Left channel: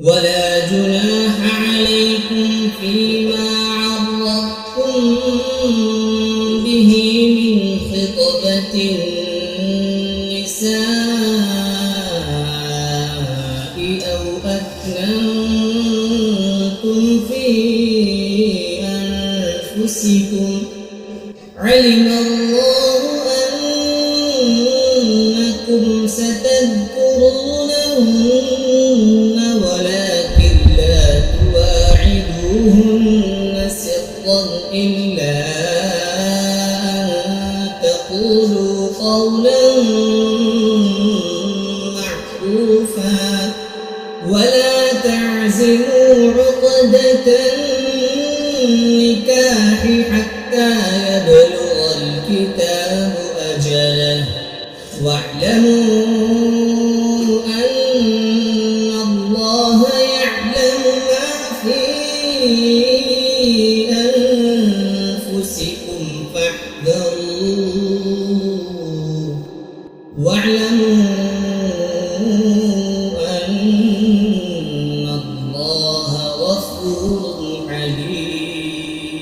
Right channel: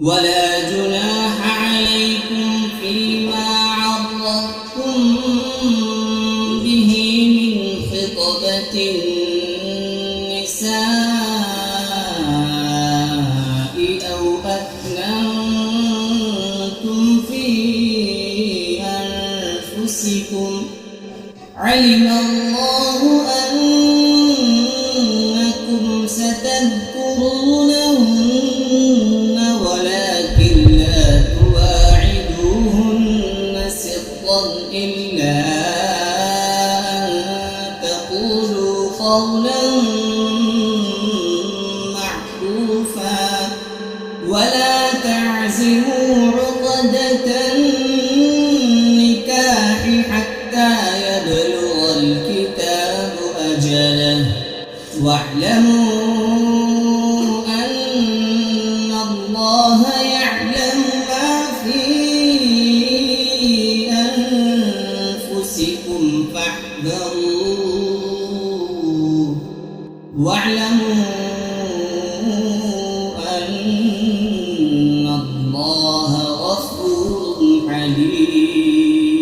ولا جناح عليكم فيما عرضتم به من خطبة النساء أو أكننتم في أنفسكم علم الله أنكم ستذكرونهن ولكن لا تواعدوهن سرا إلا أن تقولوا قولا معروفا ولا تعزموا عقدة النكاح حتى يبلغ الكتاب أجله واعلموا أن الله يعلم ما في أنفسكم فاحذروه واعلموا أن الله غفور حليم.